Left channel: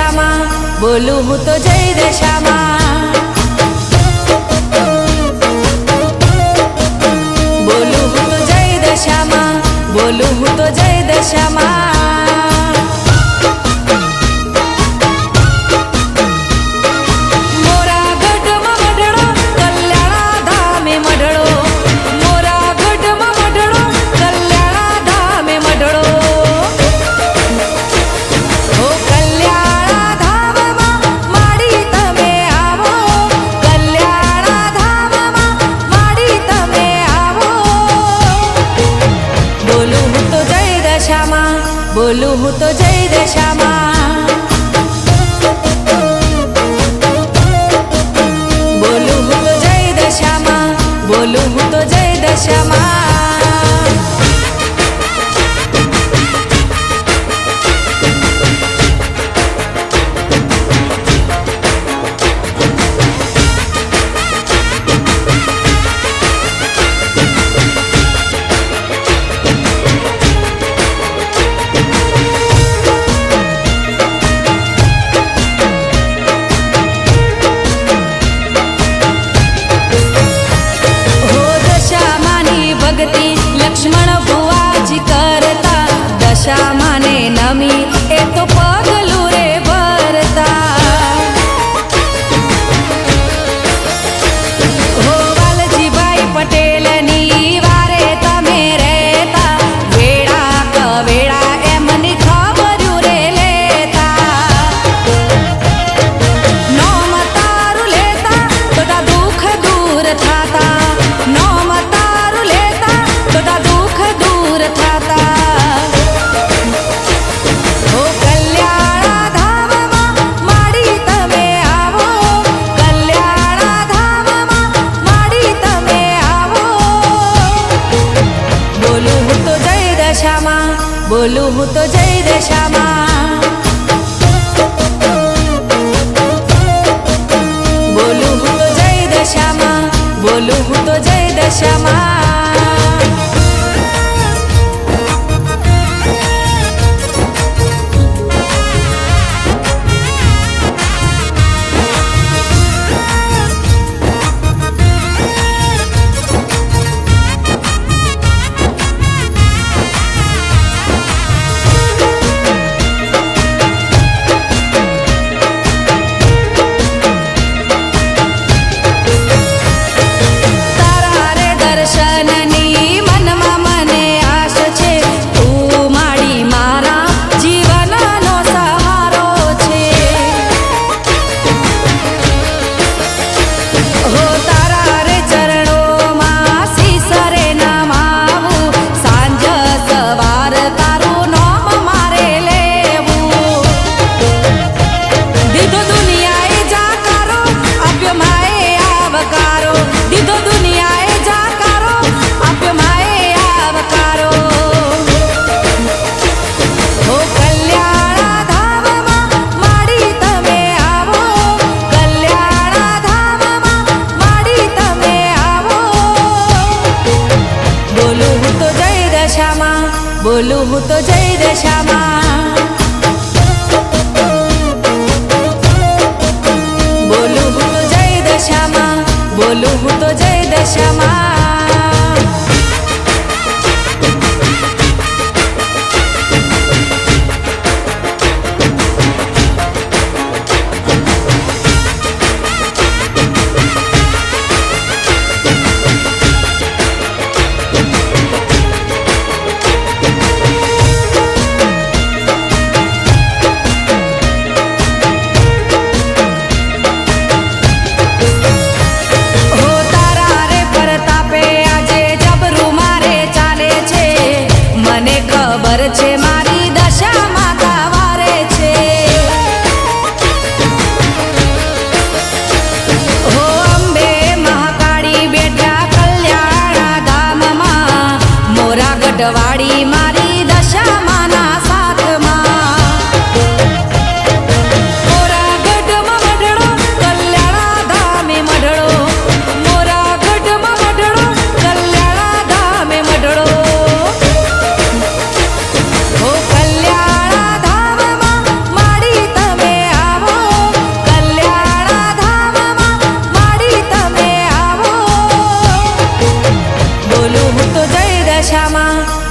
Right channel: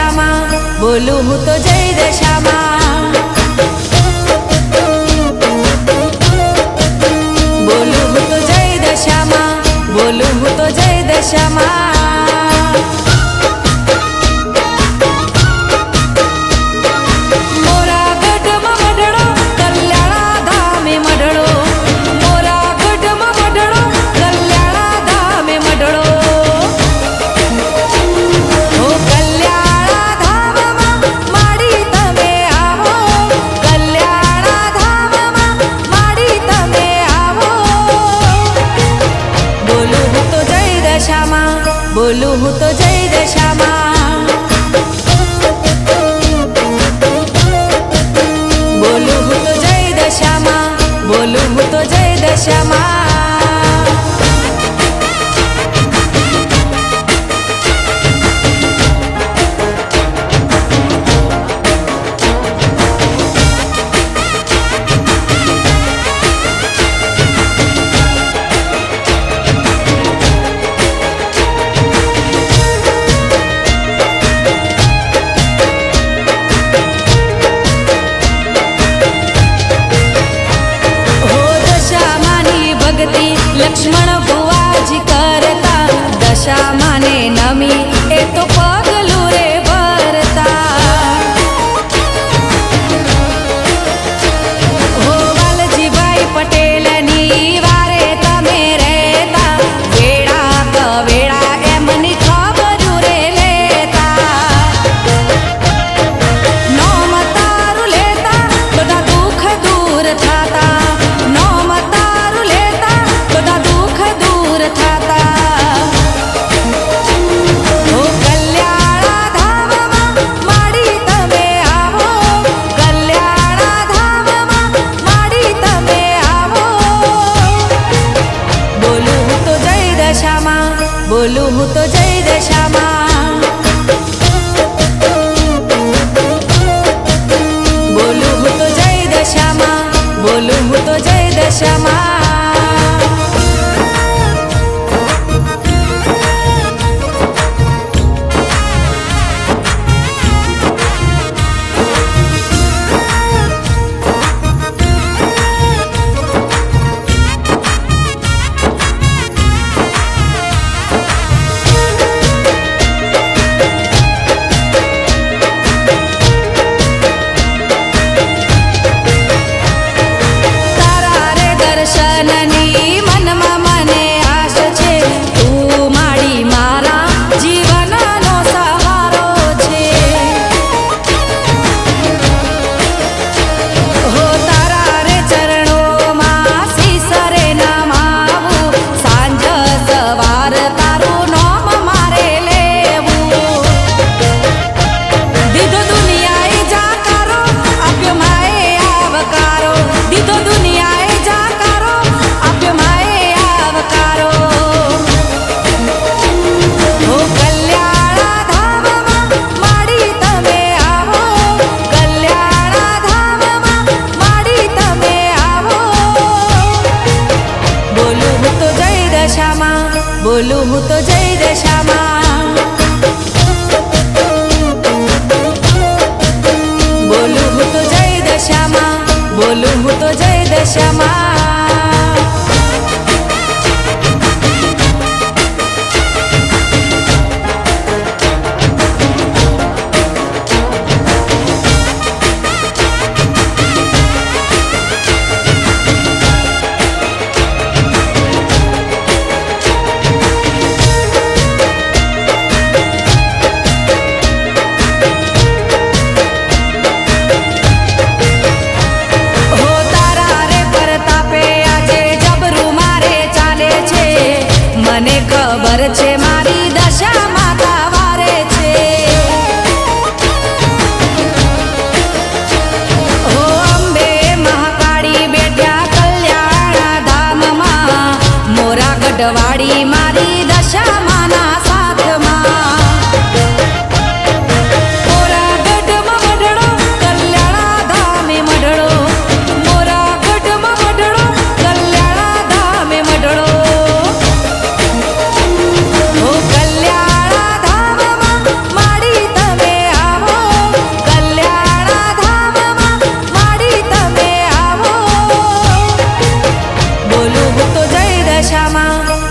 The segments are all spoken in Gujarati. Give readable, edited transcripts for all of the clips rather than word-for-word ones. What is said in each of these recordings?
દશામાં, બોલું હું તો જય દશામાં, બોલું હું તો જય દશામાં, બોલું હું તો જય દશામાં. મોરા ગઢમાં મઢડો, કલ્યાણા ધામે મઢડો, મોરા ગઢમાં મઢડો, કલ્યાણા ધામે મઢડો. હો કલ્યાણા ધામમાં માડી તમે આવો, કલ્યાણા ધામમાં માડી તમે આવો. બોલું હું તો જય દશામાં, બોલું હું તો જય દશામાં, બોલું હું તો જય દશામાં, બોલું હું તો જય દશામાં. ભક્તિ લક્ષ્મણ ભુવાજી કરતા, દશામાને નમી એ તો પગલું રે ભરતા. હો વાલજીભાઈ પટેલની વારે તમે રહેતા, વેળા કવેળા એમની ખબર્યું રે લેતા. નોમ તારું લેતા બધા દુઃખ દૂર થાતા, નોમ તારું લેતા બધા દુઃખ દૂર થાતા. હો કલ્યાણા ધામમાં માડી તમે આવો, કલ્યાણા ધામમાં માડી તમે આવો. બોલું હું તો જય દશામાં, બોલું હું તો જય દશામાં, બોલું હું તો જય દશામાં, બોલું હું તો જય દશામાં. દર્શનની મનમાં મને આશ છે, તું માડી મારા જીવનનો સહારો છે. હો તારા રે ચરણોમાં શીસરે નમાવું, સાંજ સવાર તારું નામ મારે લેવું. દીધો દુનિયાએ જાકારો, આપ્યો માએ આવકારો, દીધો દુનિયાએ જાકારો, આપ્યો માએ આવકારો. હો કલ્યાણા ધામમાં માડી તમે આવો, કલ્યાણા ધામમાં માડી તમે આવો. બોલું હું તો જય દશામાં, બોલું હું તો જય દશામાં, બોલું હું તો જય દશામાં, બોલું હું તો જય દશામાં. મને ખબર છે મારી દશા માતા વારે છે. હો અંબે મહાકાળી બેઠા કલ્યાણા ધામમાં, મોરા ગઢવાડી મારી દશા માના સાથમાં. મોરા ગઢમાં મઢડો, કલ્યાણા ધામે મઢડો, મોરા ગઢમાં મઢડો, કલ્યાણા ધામે મઢડો. હો કલ્યાણા ધામમાં માડી તમે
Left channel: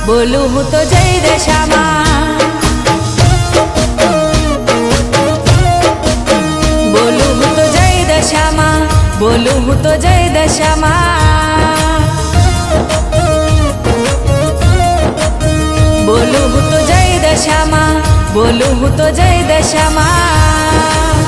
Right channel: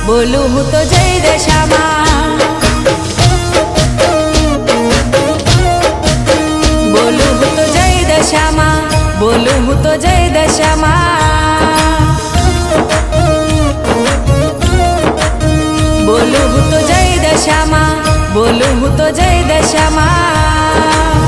બોલું હું તો જય દશામાં, બોલું હું તો જય દશામાં, બોલું હું તો જય દશામાં, બોલું હું તો જય દશામાં, બોલું હું તો જય દશામાં.